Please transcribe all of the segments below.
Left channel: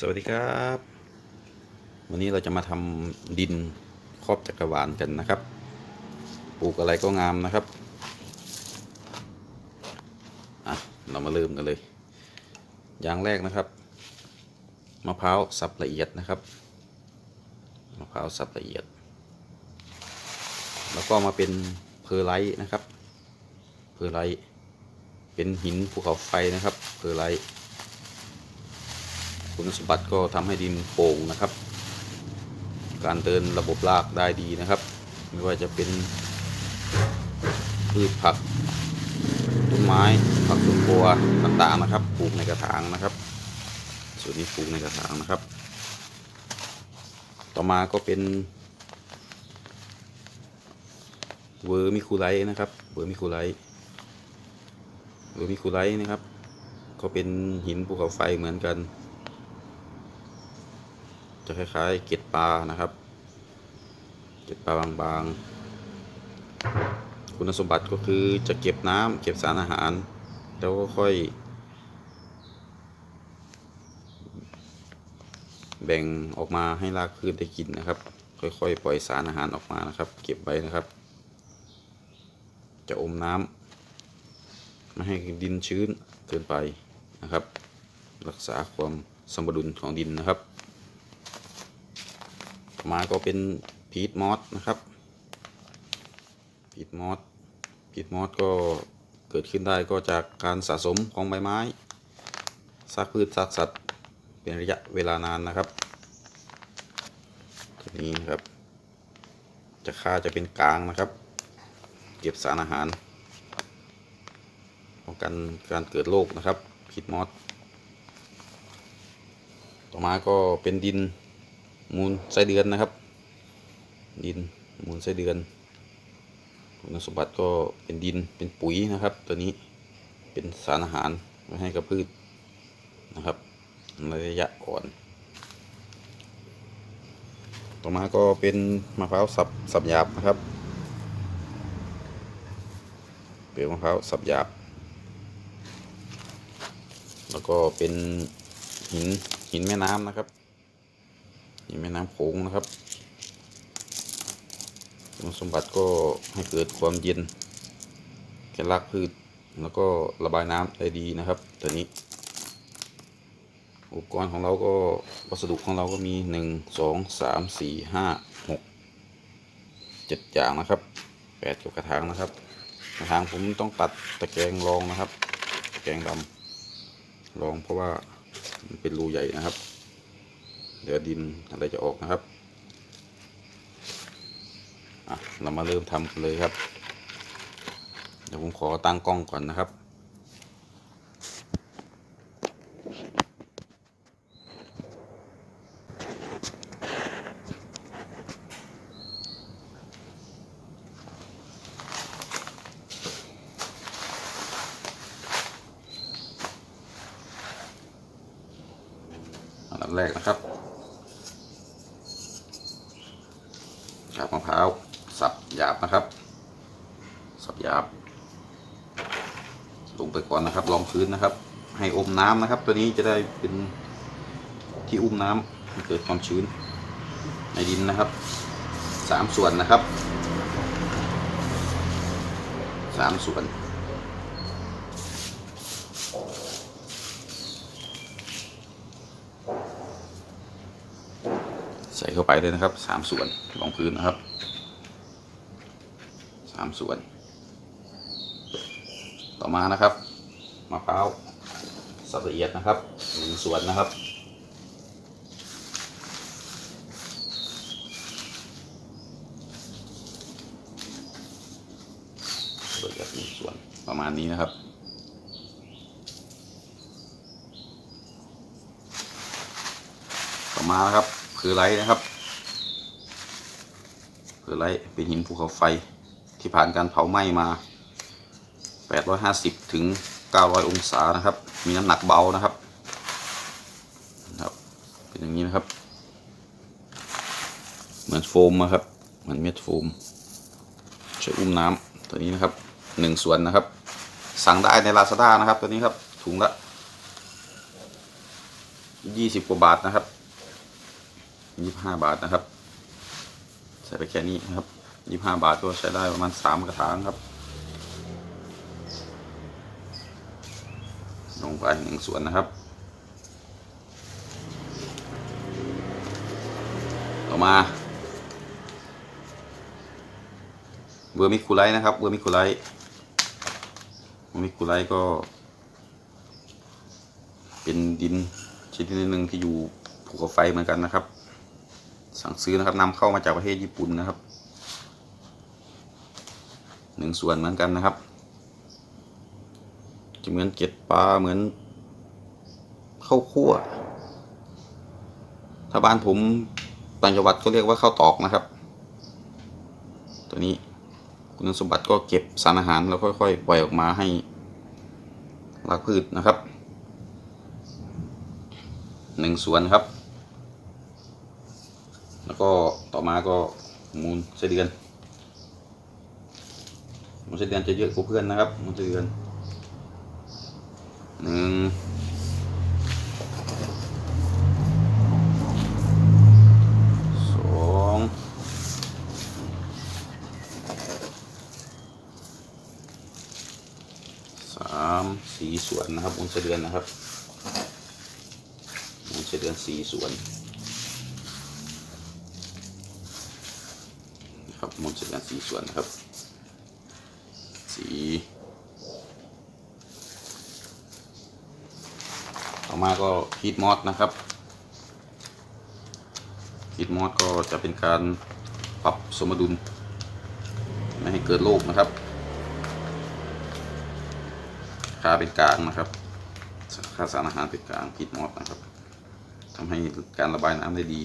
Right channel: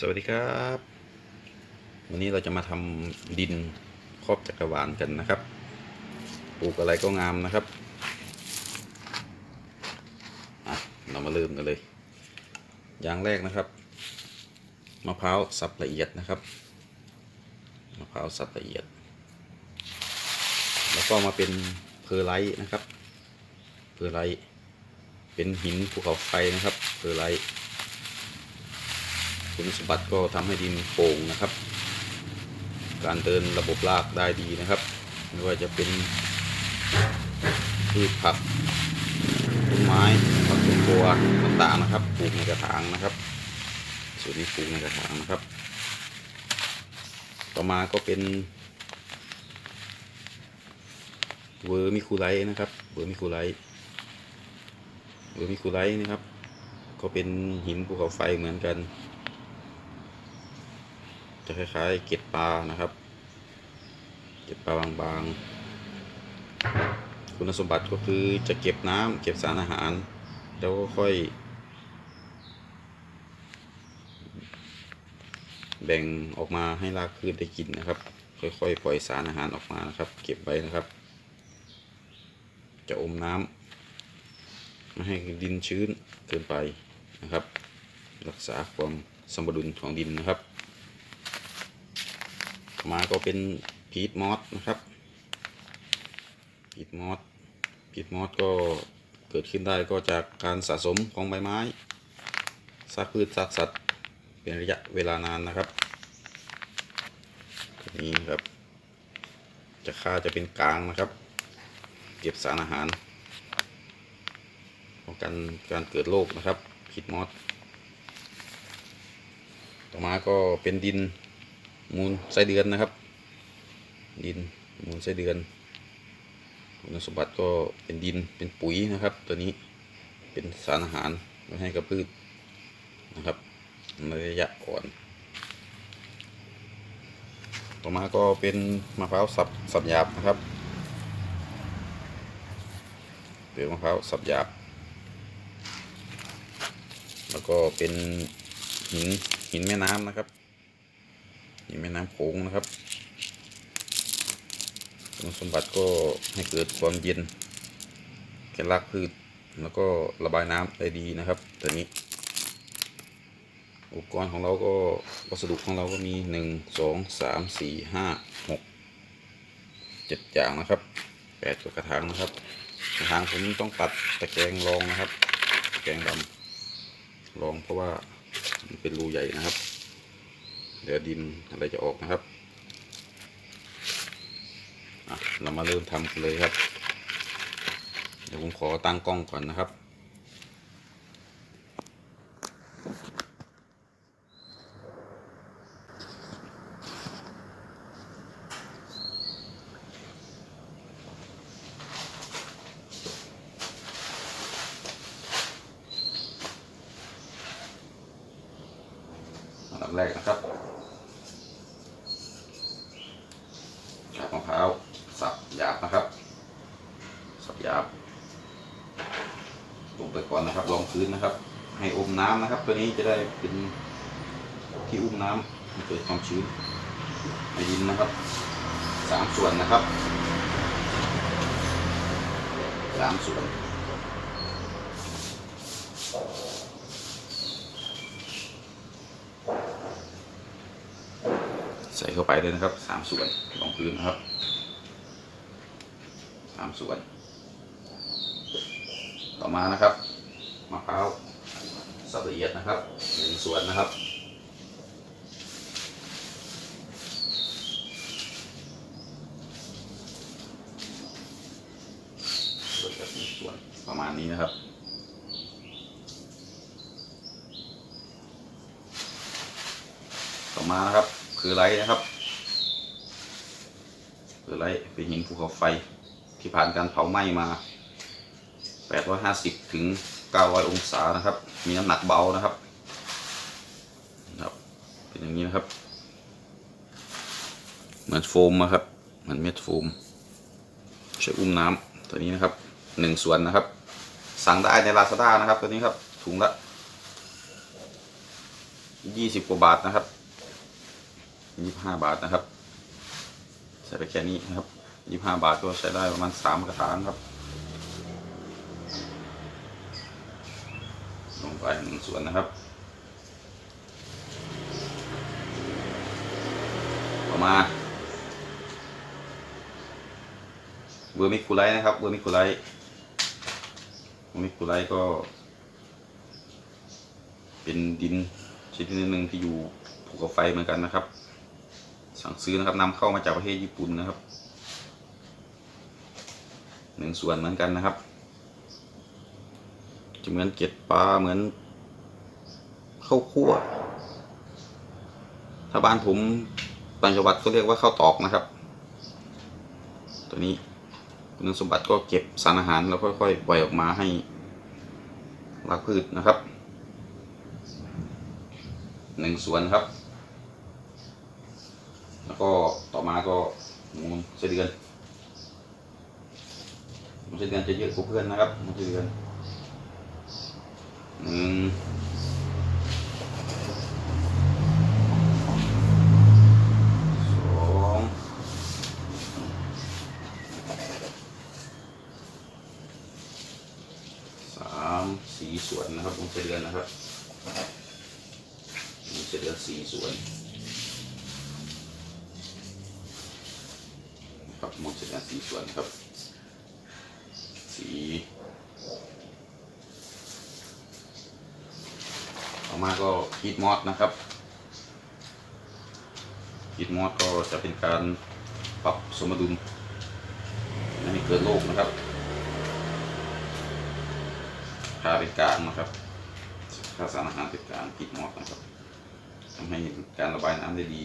สวัสดีครับ วันนี้เราจะมาทำดินครอบจักรวาลกันนะครับ ปลูกอะไรก็งามนะครับอะเรามาเริ่มกันเลย อย่างแรกนะครับมะพร้าวสับละเอียดนะครับมะพร้าวสับละเอียด แล้วก็มาเป็นเพอร์ไลท์นะครับ เพอร์ไลท์เป็นหินภูเขาไฟนะครับ เพอร์ไลท์ คุณสมบัติก็ทำให้ดินโป่งนะครับ การเดินระบบรากได้ดีนะครับ ไม่ว่าจะเป็นพืชผักต้นไม้ผักสวนครัวต่างๆนะครับ ปลูกในกระถางนะครับ ส่วนนี้ปลูกในกระถางนะครับ ต่อมาก็เป็นเวอร์มิคูไลนะครับเวอร์มิคูไลเวอร์มิคูไลนะครับ ก็เป็นหินภูเขาไฟเหมือนกัน จะคล้ายๆเกล็ดปลานะครับ เกล็ดปลาบางๆ คุณสมบัติก็คือจะเก็บน้ำเก็บสารอาหาร แล้วก็ค่อย แบ่งออกมาให้รากพืชได้กินนะครับ ค่อยๆ ปล่อยสารอาหารออกมานะครับ เก็บไว้นะครับ จะอมน้ำไม่ให้ดินชื้นเกินไปนะครับ รักษาความสมดุลของดินนะครับ มาก็เป็นพีทมอสนะครับพีทมอสพีทมอสก็เกิดขึ้นได้ก็จากการสะสมของใบไม้ซากพืชซากสัตว์เป็นระยะเวลานานนะครับนี่ครับ จะค่าจะเป็นกลางนะครับ เก็บสารอาหารป้องกันการเกิดโรคนะครับพีทมอสต่อมาก็เป็นดิน มูลไส้เดือนนะครับ ดินมูลไส้เดือน คุณสมบัติก็เป็นดินเป็นปุ๋ยนะครับ ตัวนี้เป็นสารอาหารไว้ให้กับพืชนะครับในระยะอ่อนต่อมาก็เป็นมะพร้าวสับสับหยาบนะครับเปลือกมะพร้าวสับหยาบ แล้วก็เป็นหินหินแม่น้ำนะครับ นี่แม่น้ำโขงนะครับคุณสมบัติก็ให้เกิดความเย็นแก่รากพืช แล้วก็ระบายน้ำได้ดีนะครับตัวนี้ อุปกรณ์ของเราก็วัสดุของเราก็มีหนึ่งสองสามสี่ห้าหกเจ็ดอย่างนะครับแปดกระถางนะครับกระถางผมต้องตัดตะแกรงรองนะครับ ตะแกรงดำรองเพราะว่ามันเป็นรูใหญ่นะครับ ดี๋ยวดินอะไรจะออกนะครับเรามาเริ่มทำกันเลยครับ เดี๋ยวผมขอตั้งกล้องก่อนนะครับ อันดับแรกนะครับกาบมะพร้าวสับหยาบนะครับ สับหยาบ ลงไปก่อนนะครับรองพื้นนะครับ ให้อมน้ำนะครับ ตัวนี้จะได้เป็นที่อุ้มน้ำให้เกิดความชื้นในดินนะครับสามส่วนนะครับสามส่วนใส่เข้าไปเลยนะครับสามส่วนรองพื้นนะครับ สามส่วน ต่อมานะครับมะพร้าวสับละเอียดนะครับหนึ่งส่วนนะครับละเอียดหนึ่งสวนประมาณนี้นะครับต่อมานะครับ คือไรนะครับ คือไรเป็นหินภูเขาไฟ ที่ผ่านการเผาไหม้มา 850 ถึง 900 องศานะครับ มีน้ำหนักเบานะครับครับ เป็นอย่างนี้นะครับ เหมือนโฟมนะครับ เหมือนเม็ดโฟม ใช้อุ้มน้ำตัวนี้นะครับหนึ่งส่วนนะครับ สั่งได้ในลาซาด้านะครับ ตัวนี้ครับ ถุงละยี่สิบกว่าบาทนะครับยี่ห้าบาทนะครับ ใส่ไปแค่นี้นะครับ ยี่ห้าบาทก็ใช้ได้ประมาณสามกระถางครับ ลงไปหนึ่งส่วนนะครับ ต่อมาเวอร์มิคูไลนะครับเวอร์มิคูไลเวอร์มิคูไลก็ เป็นดินชนิดหนึ่งที่อยู่ภูเขาไฟเหมือนกันนะครับ สั่งซื้อนะครับนำเข้ามาจากประเทศญี่ปุ่นนะครับ หนึ่งส่วนเหมือนกันนะครับ จะเหมือนเกล็ดปลาเหมือนข้าวคั่ว ถ้าบ้านผมต่างจังหวัดก็เรียกว่าข้าวตอกนะครับ ตัวนี้คุณสมบัติก็เก็บสารอาหารแล้วค่อยๆปล่อยออกมาให้รากพืชนะครับหนึ่งส่วนครับ แล้วก็ต่อมาก็มูลไส้เดือน มูลไส้เดือนจะเยอะกว่าเพื่อนนะครับมูลไส้เดือนหนึ่งสองสามสี่ส่วนนะครับมูลไส้เดือนนะครับมูลไส้เดือนสี่ส่วนนะครับมูลไส้เดือนสี่ส่วนครับสี่ มาก็ฮีทมอสนะครับฮีทมอสก็จะเป็นการปรับสมดุลไม่ให้เกิดโรคนะครับค่าเป็นกลางนะครับค่าสารอาหารเป็นกลางฮีทมอสนะครับทำให้การระบายน้ำได้ดี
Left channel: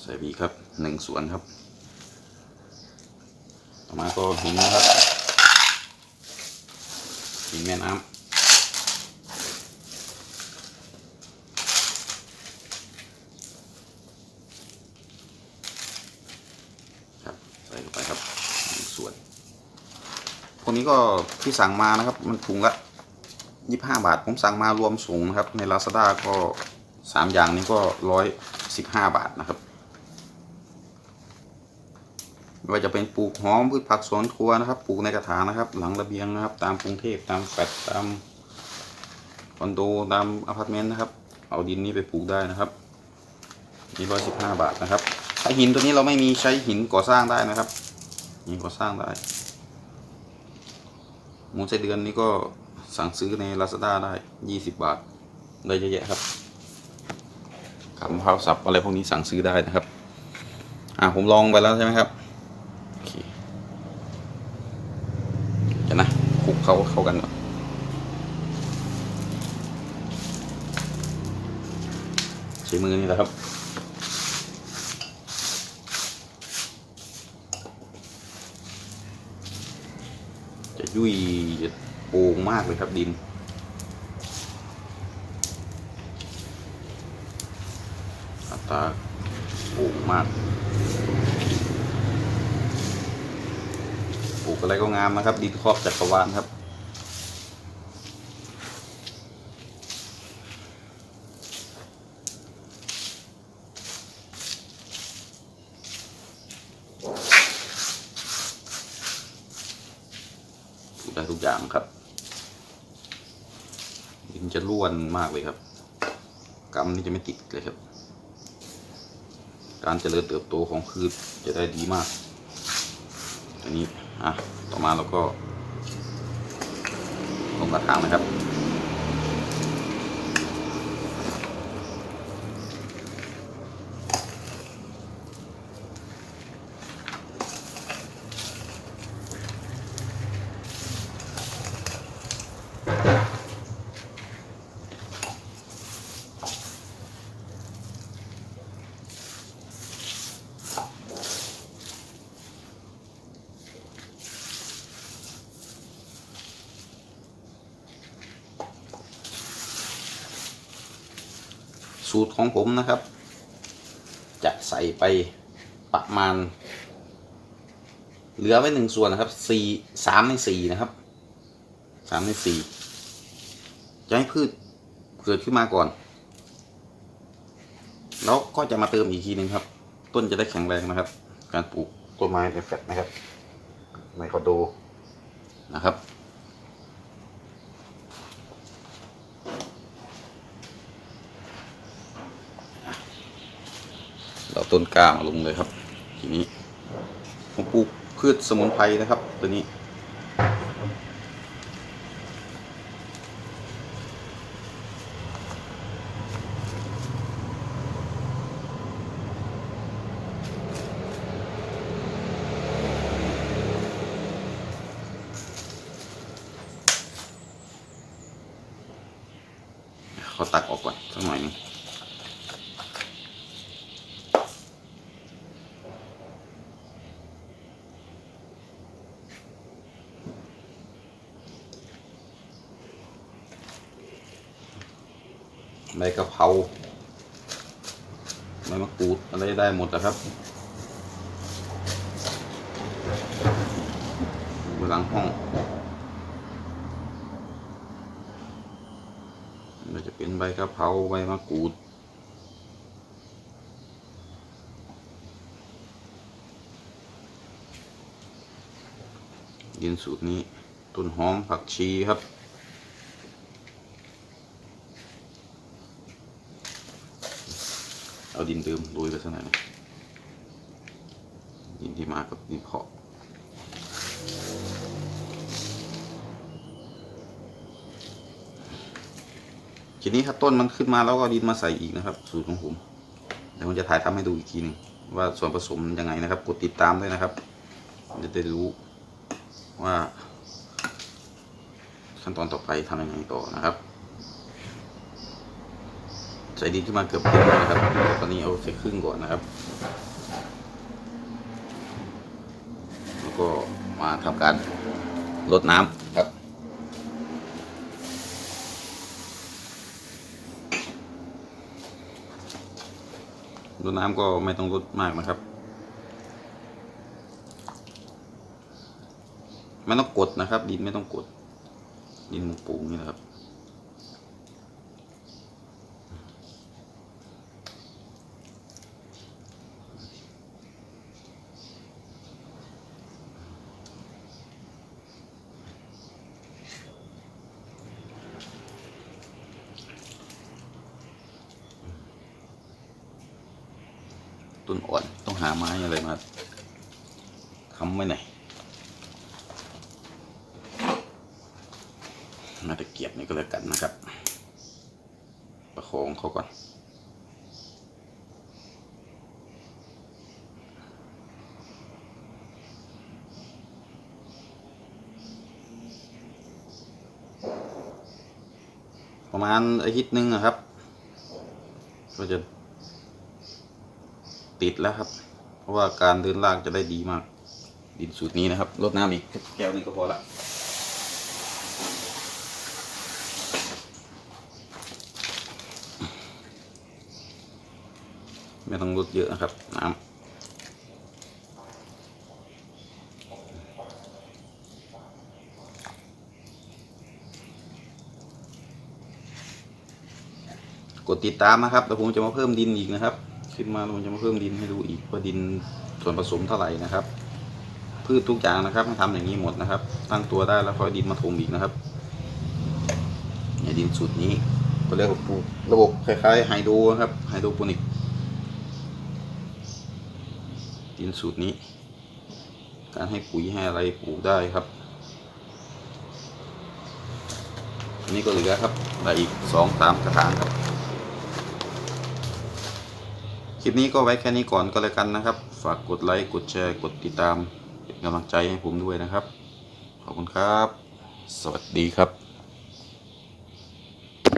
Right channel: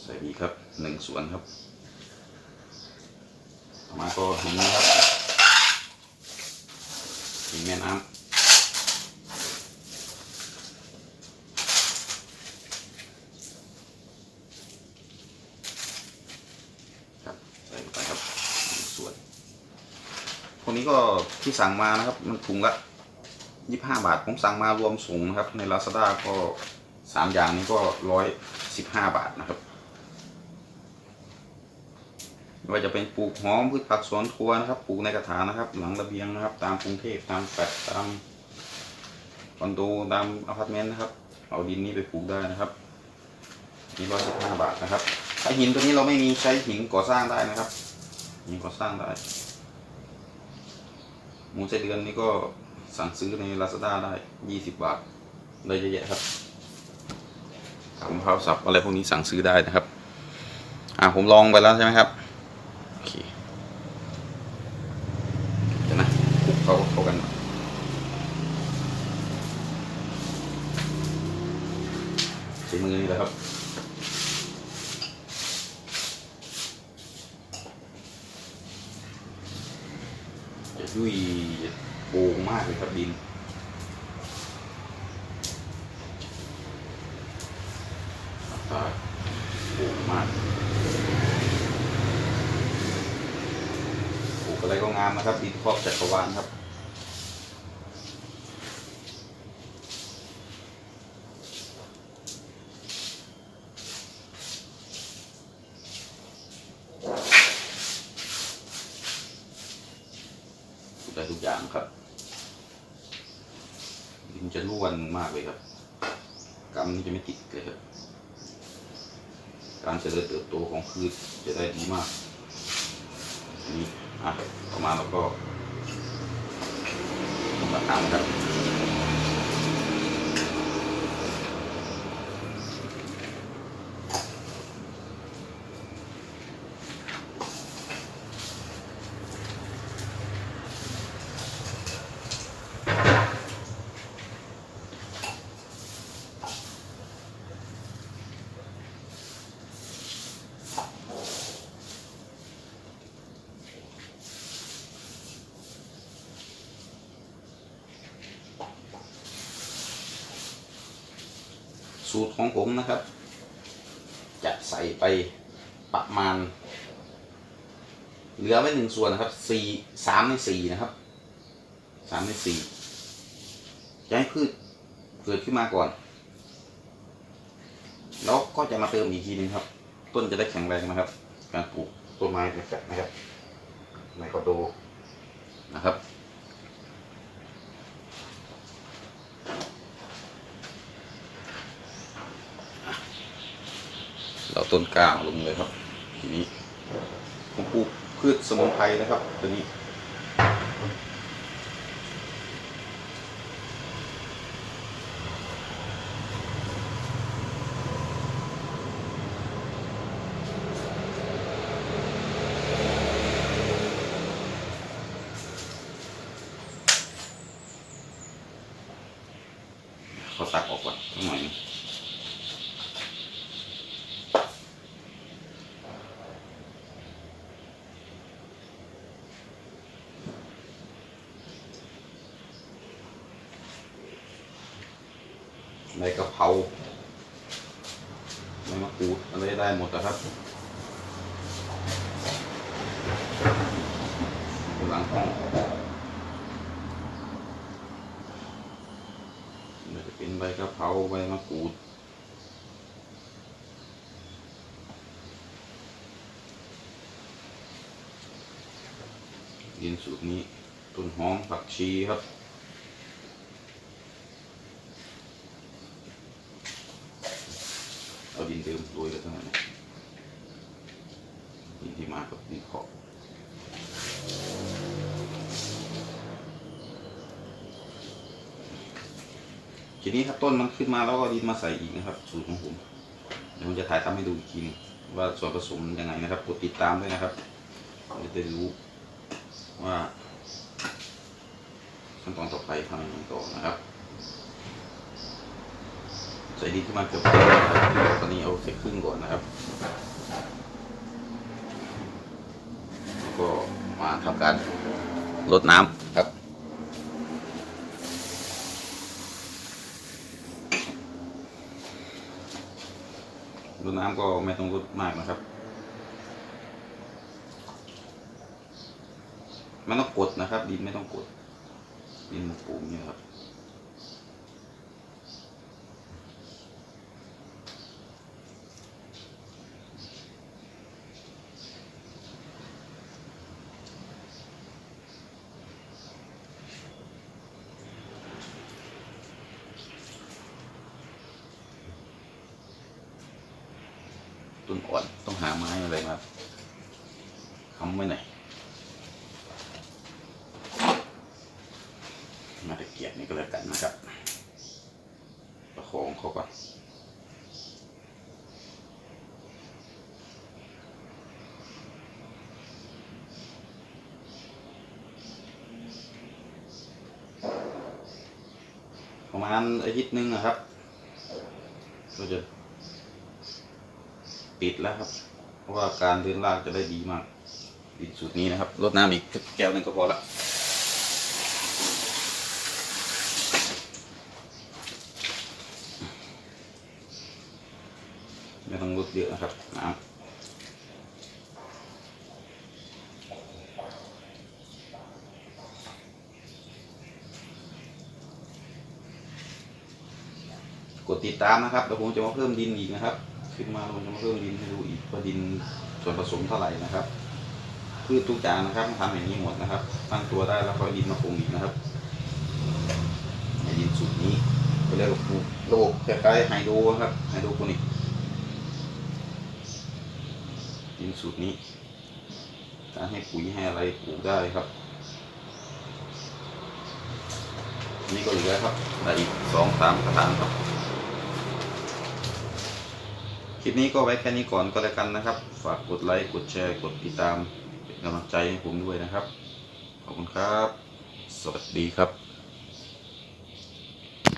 ใส่บีครับหนึ่งส่วนครับต่อมาก็หินนะครับหินแม่น้ำ ครับใส่ลงไปครับหนึ่งส่วนพ วกนี้ก็ที่สั่งมานะครับ มันถุงละยี่ห้าบาท ผมสั่งมารวมส่งนะครับ ใน Lazada ก็สามอย่างนี้ก็ร้อยสิบห้าบาทนะครับไม่ว่าจะเป็นปลูกหอมพืชผักสวนครัวนะครับปลูกในกระถางนะครับ หลังระเบียงนะครับ ตามกรุงเทพตามแฟลตตามคอนโดตามอพาร์ตเมนต์นะครับ เอาดินนี้ไปปลูกได้นะครับนี่ร้อยสิบห้าบาทนะครับถ้าหินตัวนี้เราไม่มีใช้หินก่อสร้างได้นะครับหินก่อสร้างได้ มูไส้เดือนนี่ก็สั่งซื้อใน Lazada ได้ยี่สิบบาทเลยเยอะแยะครับขำข้าวสับอะไรพวกนี้สั่งซื้อได้นะครับ อ่าผมลองไปแล้วใช่ไหมครับโอเคเดี๋ยวนะคลุกเขาเข้ากันก่อนใช้มือนี่แหละครับจะยุ่ย โป่งมากเลยครับดินอัตราโป่งมากปลูกอะไรก็งามนะครับดินครอบจักรวาลครับ ปลูกได้ทุกอย่างครับ ดินจะร่วนมากเลยครับกำนี่จะไม่ติดเลยครับ การเจริญเติบโตของพืชจะได้ดีมาก อันนี้ อะ ต่อมาเราก็ลงกระถางนะครับ สูตรของผมนะครับ จะใส่ไปประมาณ เหลือไว้หนึ่งส่วนนะครับสี่สามในสี่นะครับสามในสี่จะให้พืชเกิดขึ้นมาก่อน แล้วก็จะมาเติมอีกทีหนึ่งครับ ต้นจะได้แข็งแรงนะครับ การปลูกต้นไม้เป็นแฟลตนะครับในคอนโดนะครับาต้นกลางลงเลยครับ ทีนี้ผมปลูกพืชสมุนไพรนะครับ ตัวนี้ เขาตักออกก่อนสักหน่อยหนึง ใบกะเพราใบมะกรูดอะไรได้หมดนะครับหลังห้องมันจะเป็นใบกะเพราใบมะกรูดดินสูตรนี้ ต้นหอมผักชีครับ เอาดินเดิมโรยไปเท่าไหร่อยนะดิ นที่มากับดินเพาะทีนี้ครับต้นมันขึ้นมาแล้วก็ดินมาใส่อีกนะครับ สูตรของผมเดี๋ยวผมจะถ่ายทำให้ดูอีกทีหนึงว่าส่วนผสมยังไงนะครับกดติดตามด้วยนะครับจะได้รู้ว่า ขั้นตอนต่อไปทำยังไงต่อนะครับ ใส่ดินขึ้นมาเกือบครึ่งนะครับตอนนี้เอาใส่ครึ่งก่อนนะครับแล้วก็ำการลดน้ำครับรดน้ำก็ไม่ต้องรดมากนะครับไม่ต้องกดนะครับ ดินไม่ต้องกด ดินปลูกนี่นะครับ ต้นอ่อนต้องหาไม้อะไรมาค้ำไว้หน่อยมาตะเกียบนี่ก็แล้วกันนะครับ ประคองเขาก่อนประมาณอาทิตย์หนึ่งนะครับ ก็จะ ติดแล้วครับ เพราะว่าการเดินลากจะได้ดีมาก ดินสูตรนี้นะครับรดน้ำอีกแก้วหนึงก็พอละไม่ต้องรดเยอะนะครับน้ำกดติดตามนะครับเดี๋ยวผมจะมาเพิ่มดินอีกนะครับ ขึ้นมาผมจะมาเพิ่มดินให้ดูอีกว่าดินส่วนผสมเท่าไหร่นะครับ พืชทุกอย่างนะครับทำอย่างนี้หมดนะครับ ตั้งตัวได้แล้วค่อยดินมาถมอีกนะครับในดินสูตรนี้ก็เรียกว่าระบบคล้ายๆไฮโดรครับไฮโดรโปนิกดินสูตรนี้การให้ปุ๋ยให้อะไรปลูกได้ครับนนี้ก็เหลือครับได้อีกสองสามกระถางครับ คลิปนี้ก็ไว้แค่นี้ก่อนก็แล้วกันนะครับ ฝากกดไลค์กดแชร์กดติดตามเป็นกำลังใจให้ผมด้วยนะครับ ขอบคุณครับ สวัสดีครับ